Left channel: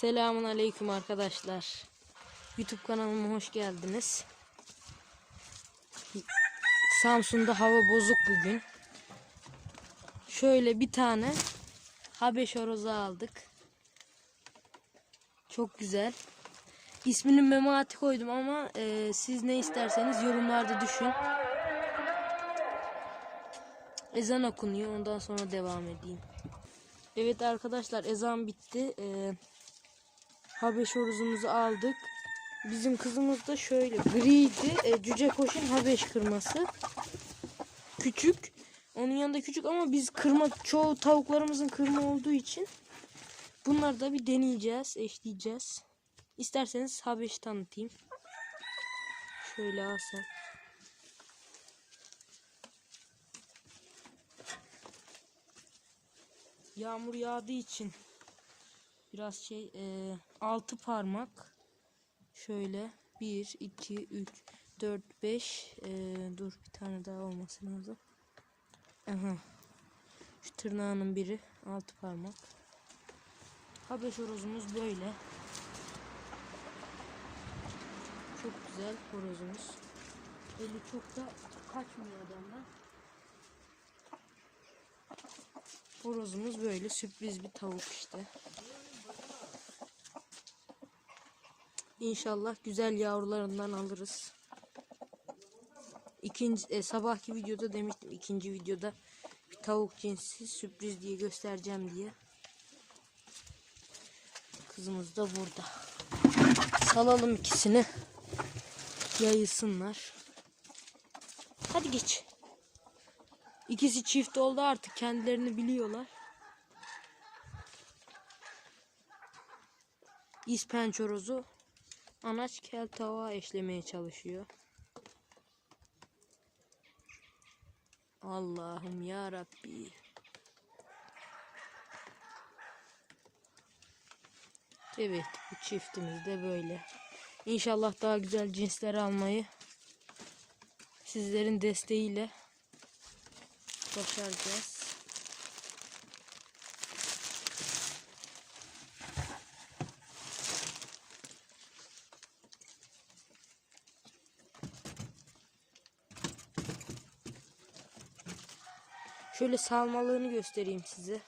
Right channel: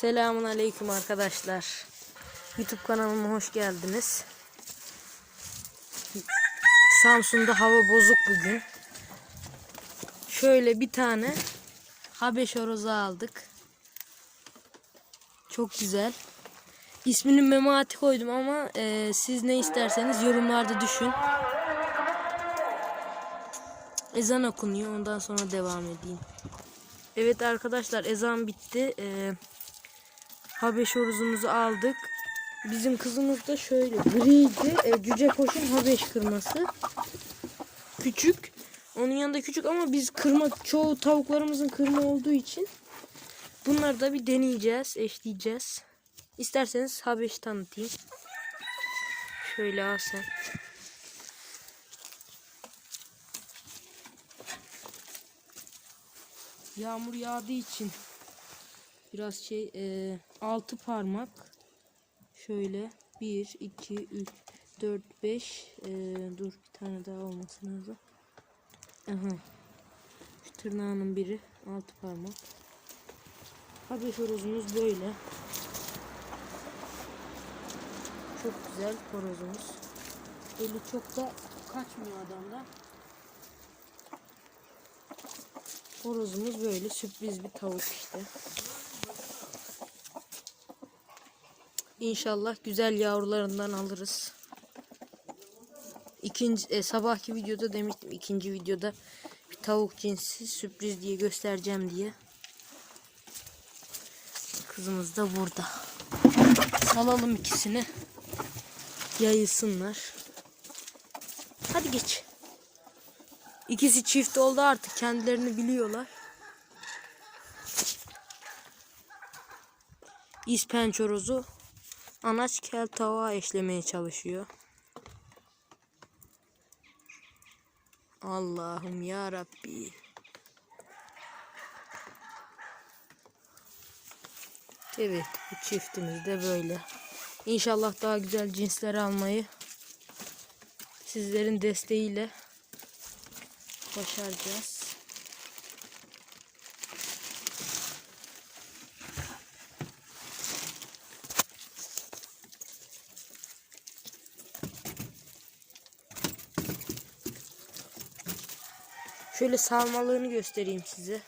Selamun Aleyküm arkadaşlar. YouTube kanalıma hoş geldiniz. Samsun'da hava bozuk bugün. Şöyle bir tane Habeş horozu aldık. Çok güzel. İsmini Memati koydum ama e, siz ne isterseniz yorumlarda düşün. Ezan okunuyor. Ondan sonra devam edeyim. Evet arkadaşlar ezan bitti. Ee, Habeş horozumuzu aldık. Bizim kızımız da şöyle griydi. E, cüce koşun Habeş kırması. Küçük. Onun yanında küçük ama biz kırma çoğu tavuklarımızın kırma olduğu için bunları da bir deneyeceğiz, eşleyeceğiz. İsterseniz Habeş tanıtayım. Şöyle sen. Yağmur yağdığı için biraz şey e, altı parmak şöyle 1 2 3 4 5 dur bir tane daha olması lazım. Aha. Şu tırnağının biri altı parmak. Habeş horozumuz böyle. Çok güzel horozumuz. Eli çok da kaçmıyor adamdan. Horozumuz böyle sürpriz bir tavuk işte. İnşallah güzel yavrularından alırız. İkinci e, sabahki videoda demiştim ikinci videoda bir tavuk cinsi sürpriz diye göstereceğim diye. Kızımız da burada. Salalım ikisini. Yayılsınlar. Hadi geç. İkisi çift oldu artık kendilerini biliyorlar. İspenç horozu anaç kel tavuğa eşlemeye çalışıyor. Allah'ım ya Rabbi. Evet bu çiftimiz de böyle. İnşallah daha güzel cinsler almayı sizlerin desteğiyle başaracağız. Şöyle sarmalığını göstereyim size.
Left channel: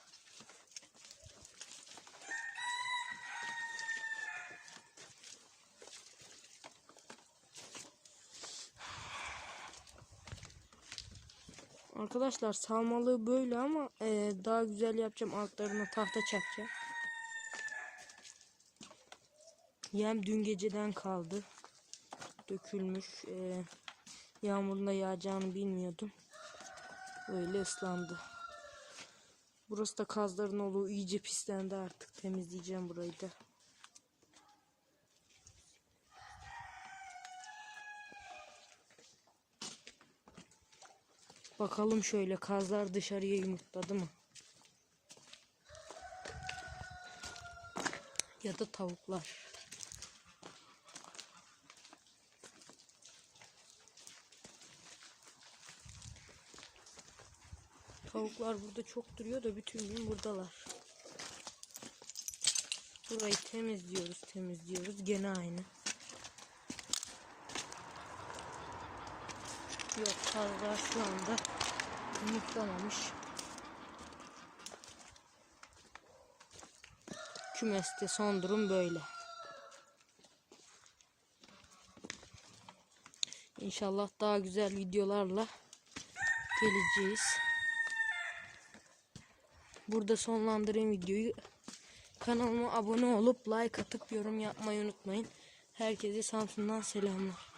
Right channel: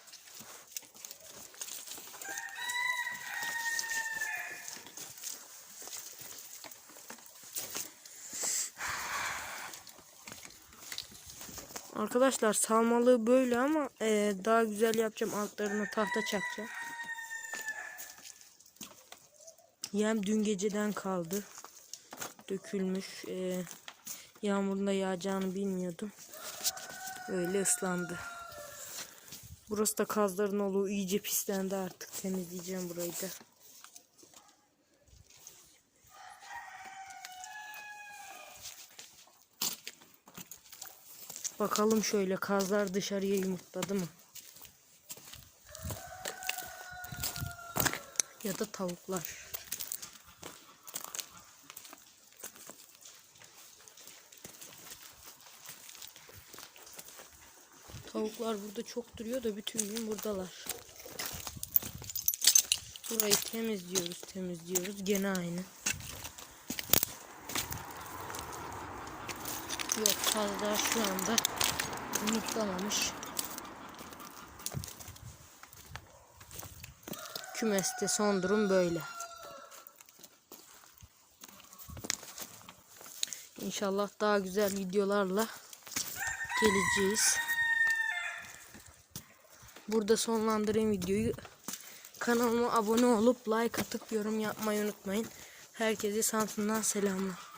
Arkadaşlar salmalığı böyle ama e, daha güzel yapacağım. Altlarına tahta çakacağım. Yem dün geceden kaldı. Dökülmüş. E, yağmurun yağacağını bilmiyordum. Böyle ıslandı. Burası da kazların olduğu iyice pislendi artık. Temizleyeceğim burayı da. Bakalım şöyle kazlar dışarıya yumurtladı mı? Ya da tavuklar. Tavuklar burada çok duruyor da bütün gün buradalar. Burayı temizliyoruz, temizliyoruz. Gene aynı. Yok fazla şu anda yumurtlamamış. Kümeste son durum böyle. İnşallah daha güzel videolarla geleceğiz. Burada sonlandırayım videoyu. Kanalıma abone olup like atıp yorum yapmayı unutmayın. Herkese Samsun'dan selamlar.